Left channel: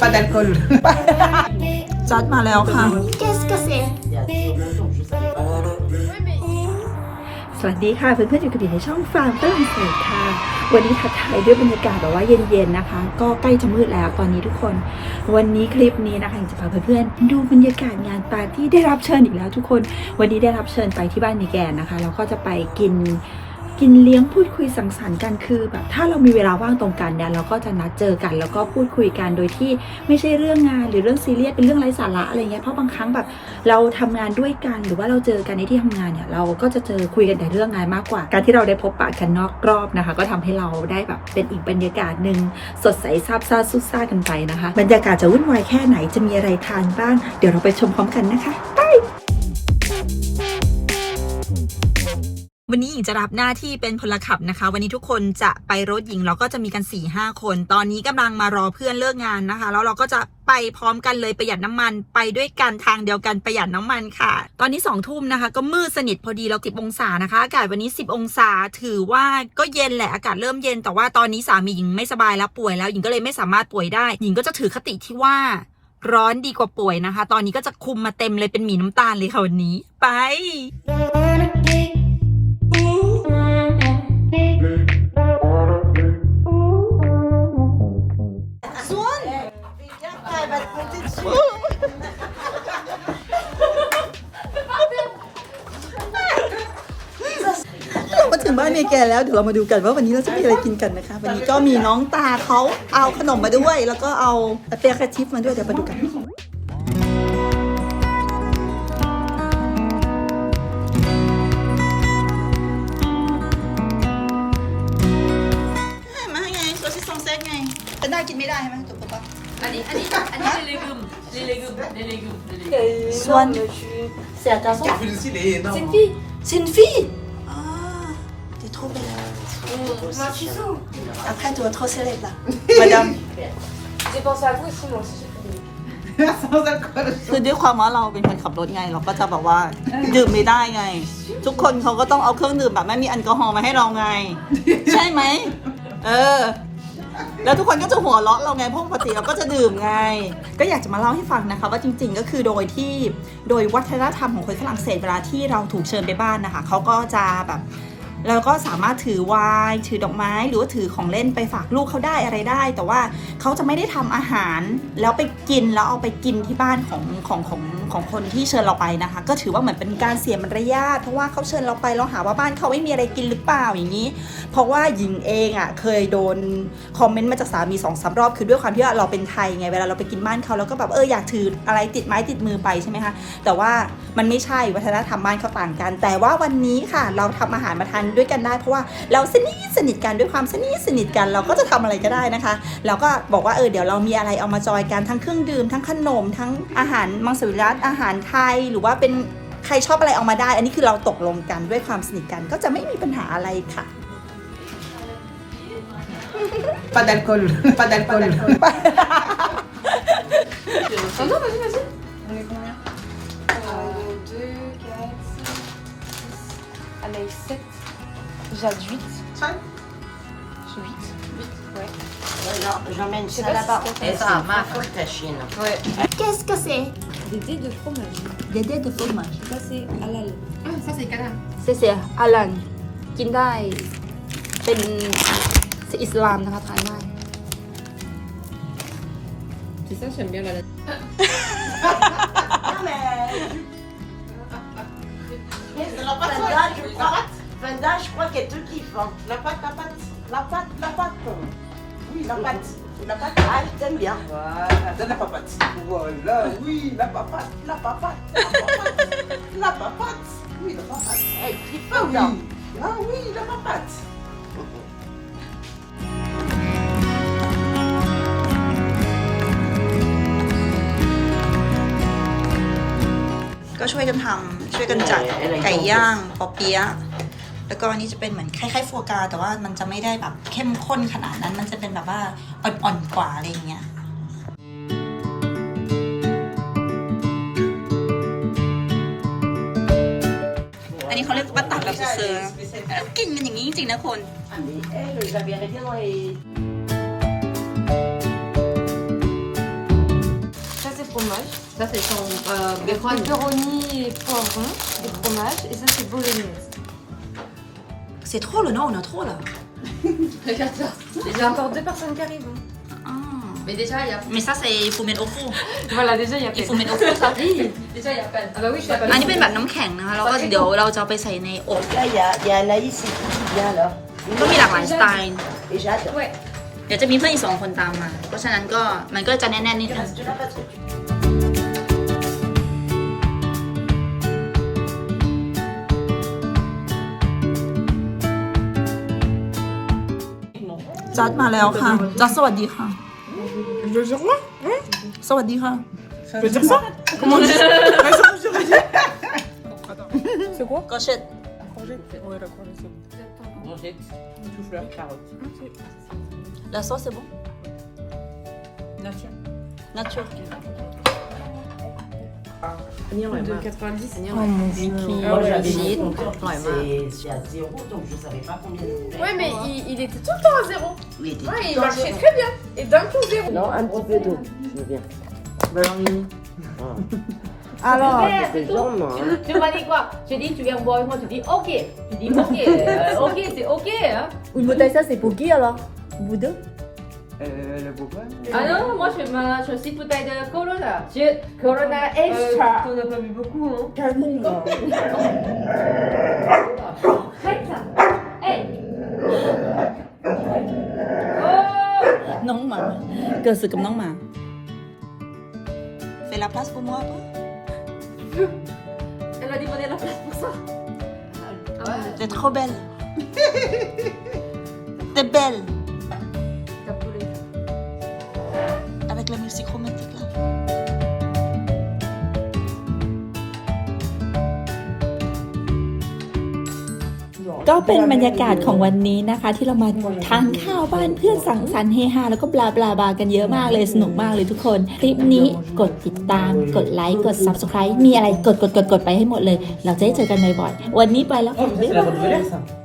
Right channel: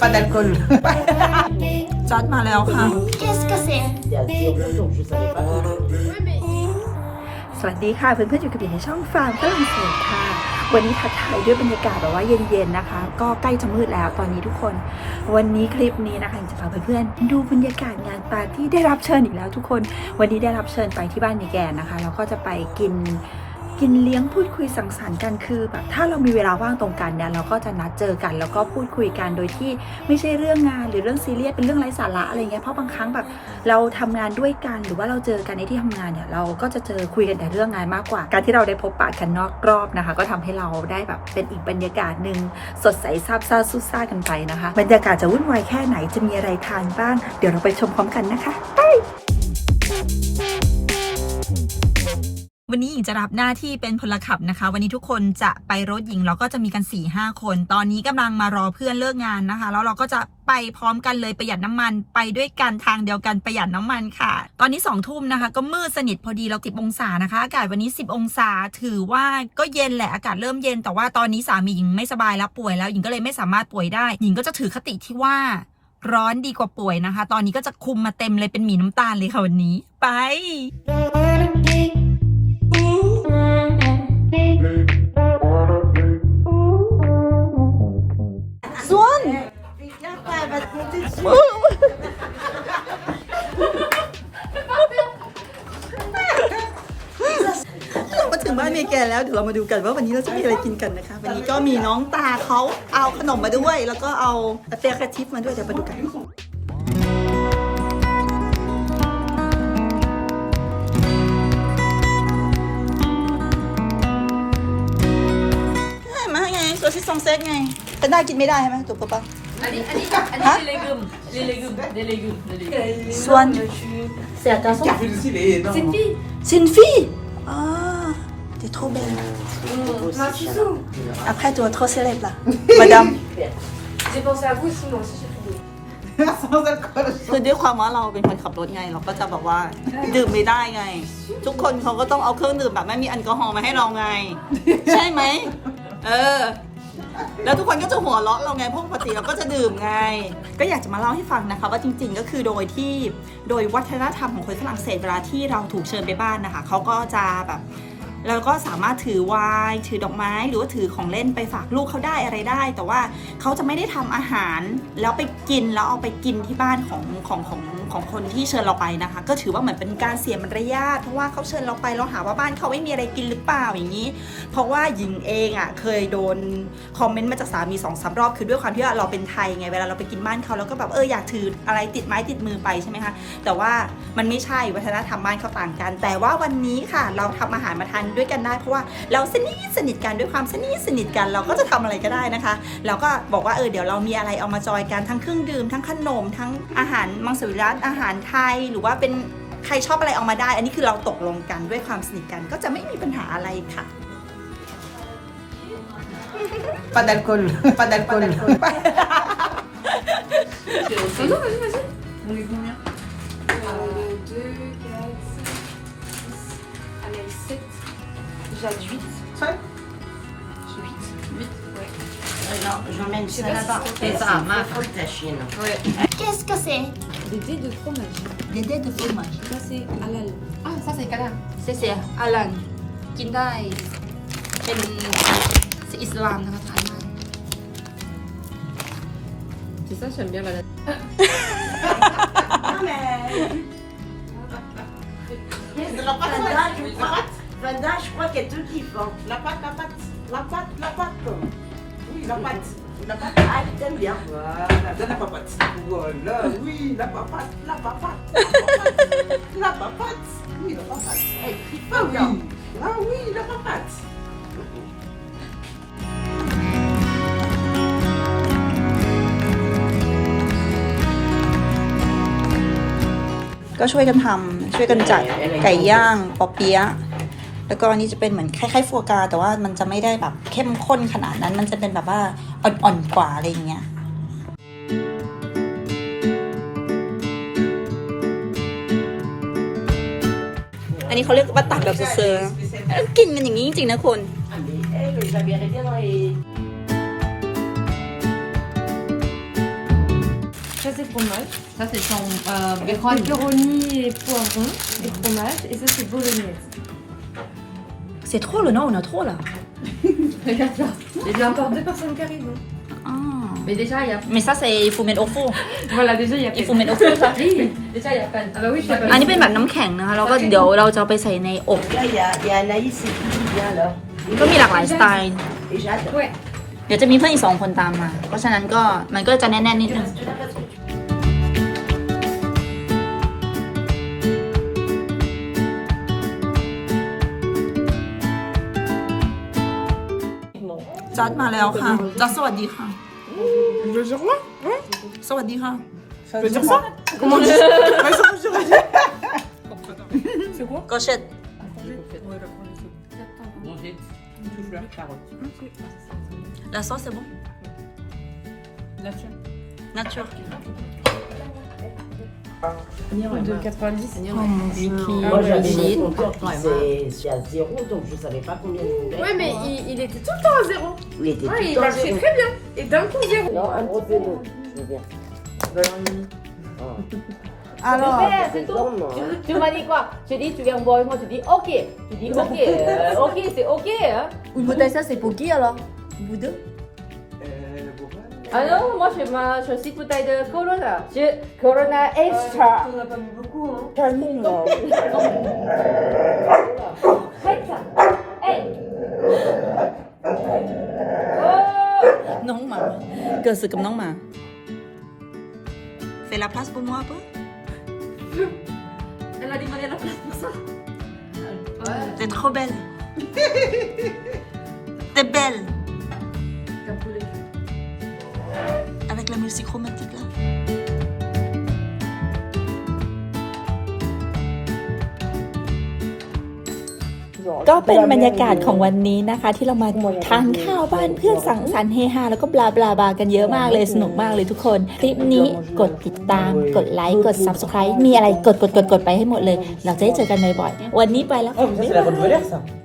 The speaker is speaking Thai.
Pas d'alcool. จัดมาแล้วค่ะ Qu'est-ce que c'est สวัสดีค่ะเพื่อนๆอยู่กับอยู่ในช่องฟาร์มฝรั่งเศสค่ะ วันนี้ทักทายด้วยบรรยากาศแบบว่าเย็นๆนะคะ ก็ใกล้จะมืดแล้วตอนนี้ทุกคน วันนี้คลิปนี้นะคะอยากจะพาเพื่อนๆดูบรรยากาศงานปาร์ตี้ได้รับเชิญอีกแล้วทุกคน วันนี้ได้รับเชิญไปที่บ้านมีแกนนะคะแล้วก็จะไปกิน กินเลี้ยงพูดคุยสังสรรค์กันคือแบบถ้าเรามีเวลาว่างตรงกันเนี่ยเราก็จะนัดเจอกัน แล้วก็พูดคุยกันโดยที่ไม่ใช่เรื่องงานหรือเรื่องซีเรียสเป็นเรื่องไร้สาระอะไรเงี้ยเพราะบางครั้งแบบเราทำงานด้วยกัน หรือว่าเราเจอกันในที่ทำงานเนี่ยเราก็จะเจอคุยกันแต่เรื่องงานมากกว่า การที่เราได้พบปะกันนอกรอบนะคะ ก็ทำให้เราได้แบบเป็นอีกบรรยากาศหนึ่งสดใสซาบซ่าซุ่ซ่ากันไปนะคะ บรรยากาศจะวุ่นวายแค่ไหนจะมีอะไรทานบ้าง เดี๋ยวเราไปชมพร้อมกันนะคะไป วันนี้หญิงจะรับหน้าที่เป็นพลขับนะคะ วันนี้ทุกคนจะไปรถหญิงเราก็จะมีกัน4ี่ห้าคน ตอนนี้กำลังมารอเพื่อนเลิกงานนะคะ แล้วเราก็จะไปพร้อมกันเลยประหยัดน้ำมันไปด้วยกันทางเดียวกันประหยัดน้ำมันค่ะ ตอนนี้2องทุ่มนะคะ ก็มืดสนิทพอดีเราสิบองศานะคะ อากาศวันนี้ 10 องศาถือว่าก็เย็นแหละอากาศเริ่มเย็น แต่ว่าตอนนี้สามีหญิงไม่สบายแล้วป่วยแล้วหญิงก็เลยไม่สามารถป่วยได้ หญิงก็จะถือคติที่ว่าร้อนดีกว่าป่วยนะคะ ตอนนี้ก็จะคุมมาเต็มเลยเป็นหมีน้ำตาลเลยค่ะวันนี้ ไป มาถึงบ้านเมแกนแล้วเดี๋ยวเรามาดูกันว่าวันนี้เราจะมีอะไรกินกันนะคะ วันนี้ก็มีน้องตาเขาเอาขนมมาด้วย แล้วก็เอาเปียกระชิปมาด้วยเดี๋ยวมาดูกันมาไงตัวที่ซองเซ็ตไงแต่ได้กินไม่ได้ใช่ไหมถูกปะ Allez, allez, allez, les légumes, les légumes, les légumes, les légumes. ส่วน C'est un garçon Carrefour ici, il est énorme. C'est une fille ซินฟี่อ่าเดี๋ยวโทรไป Moi, je suis sous. après tu vas trop célèbre là madame J'ai pensé à vous aussi, moi aussi, คือด้วยความว่าเราเป็นคนขับรถไง เราก็จะแบบว่าดื่มไม่ได้ไง ทุกคนเขาก็ต้องเอาเครื่องดื่มแบบไม่มีแอลกอฮอล์มาให้เราไง ใช่ไหมเออ แล้วทุกคนก็จะหัวเราะเราไงเพราะปกติเราก็จะดื่มไง ก็อยากจะมาเล่าให้ฟังนะคะ ว่าจริง ๆ ก็คือโดยที่โดยวัฒนธรรมของคนฝรั่งเศสเวลาที่เราถูกเชิญไปบ้านนะคะเขาก็จะแบบ เราก็สามารถถือวน์ถือดอกไม้ หรือว่าถือของเล่นไปฝากลูกเขาได้อะไรได้ แต่ว่าเขาจะไม่ได้ทำอาหาร แล้วไปกินแล้วเอาไปกินที่บ้านของของของของคนที่เชิญเราไปนะคะ ก็ถือว่าเหมือนเป็นการเสียมารยาทเพราะว่าเขาเชิญเราไปเราหาว่าบ้านเขาไม่มีอะไรกินหรือเปล่าอย่างนี้ เพราะว่าหญิงเองอะเคยโดนคอมเมนต์มาจากสามีสองสามรอบคือด้วยความที่ว่าเราเป็นไทยไงเวลาเราไปกินบ้านเขาเราก็แบบเอออยากถืออะไรติดไม้ติดมือไปใช่ไหมคะแต่ว่ามันไม่ใช่วัฒนธรรมบ้านเขาต่างกัน แต่ว่าวันนี้ค่ะ เราทำอาหารมาทานด้วยกันได้ เพราะว่าเราสนิทสนิทกันด้วยความสนิทสนิทกันเราก็จะทำอะไรก็ได้นะคะ เราก็บอกว่าเออเดี๋ยวเรามีอะไรเอามาจอยกันทั้งเครื่องดื่มทั้งขนม ทั้งอาหารมังสวิรัตอาหารไทยหรือว่าเป็นใครชอบอะไรเอามาได้ อันนี้คือเราตกลงกันด้วยความสนิทกันก็จะไม่มีปัญหาอะไรค่ะ Pas d'alcool. Pas d'alcool. Oh non, vas-y, vas-y. On est combien 2, J'ai 8. Seul J'ai 8. 8, ouais. J'emmène ça là-bas. Et ça, ma faute ta chienne. Ouais. Qu'est-ce que c'est Des dés de fromage. des dés de fromage Ça, c'est halal. Ah, ça, c'est canard. เสียอาลันกินได้เป็นอิสลามนะคะทานได้ C'est ça, j'aime bien la La pâte, la dinde, je crois qu'elle te kiffe. hein. La pâte, la pâte, la pâte, la pâte. Oui, la pâte. La pâte, ah, elle t'aime bien. Voilà. Donne la papate. Voilà, oui, la papate, la papate. La papate. Oui, la papate. Elle tripe Ah bien. oui. Ah oui, la papate. ก็ช่วยกันทำช่วยกันจัดไก่ย่างปอเปี๊ยะ แล้วก็อันนี้จะเป็นเหมือนคล้ายๆฟัวกราแต่ว่ามันจะไม่ได้แบบเข้มข้นขนาดนั้น มันจะเป็นแบบว่าอ่อนๆกว่าอะไรอย่างเงี้ยอันนี้เขาเรียกว่าตัดแบบเซอร์ๆแล้วกินกันอย่างนี้จริงๆนะคุณ Ah, mais elle, j'avais arrêté dans les. fromage. Ça, c'est son euh, bacon. Pepperoni et poivron et fromage. Et ça, c'est bolognaise. C'est trop le nom, on a trop là. Regarde ça. Il y a encore deux personnes qui arrivent. hein. Ah. Mais déjà, il y a. Mais ça c'est fumen au four. Voilà, déjà, il y a อีฟูเมนโอฟูค่ะ Oui, déjà, il y a pas. Ah bah oui, je t'appelle. อันนี้เป็นแบบน้ำแข็งนะคะแล้วก็เดี๋ยวเราจะเอาไปใส่ในอบ Là, il y a, il y a Anaïs et qui vient là. ก็มีหลากหลายสไตล์ Et Jade. Ouais. เดี๋ยวจะมีเพื่อนอีกสองคนตามมา เพราะฉะนั้นก็มันก็จะแน่นๆนิดนึง Tu l'as pas trop. จัดมาแล้วค่ะ จัดสวัสดีค่ะสวัสดีค่ะ Comment on dit C'est quoi Gâchette. La sauce c'est bon Nature. Nature. De 90. Mickey, Moi, j'avais Brigitte. dit, mon compte, Ouais, c'est- c'est à zéro, donc je savais pas combien il était. Ouais, mais il, il était tout le temps à zéro. Il était Ouais, tout il le temps marchait zéro. très bien. Et d'un coup, zéro. Non, un petit peu d'eau. Alors, C'est Tu, hein. tu m'as dit quoi? Tu dis, tu viens boire avec moi, tu dis ok. Tu dis ok, euh, ok, c'est ok. Hein. une bouteille ça c'est pour qui alors? Vous deux Ah non, moi je ma je suis bouteille de Corona. Je, Corona Extra. on n'a pas vu beaucoup, hein. Arrête ça. Hey. Oh. น้องหมาเกิดศึกกับน้องหมา Fais la place pour moi un peu Elle a demandé la place pour ça. T'es trop belle T'es belle musique romantique là. ก็เป็นบรรยากาศของวันนี้นะคะ ที่เรามาทานข้าวบ้านเพื่อนสังสรรค์เฮฮาแล้วก็บลาบลาบากันเยอะมากเลยสนุกมากเลยทุกคน คลิปนี้กดติดตาม กดไลค์กด subscribe มีอะไรกดกดกดกดไปให้หมดเลย เราจะได้เจอกันบ่อยๆวันนี้ไปแล้วค่ะบ๊ายบาย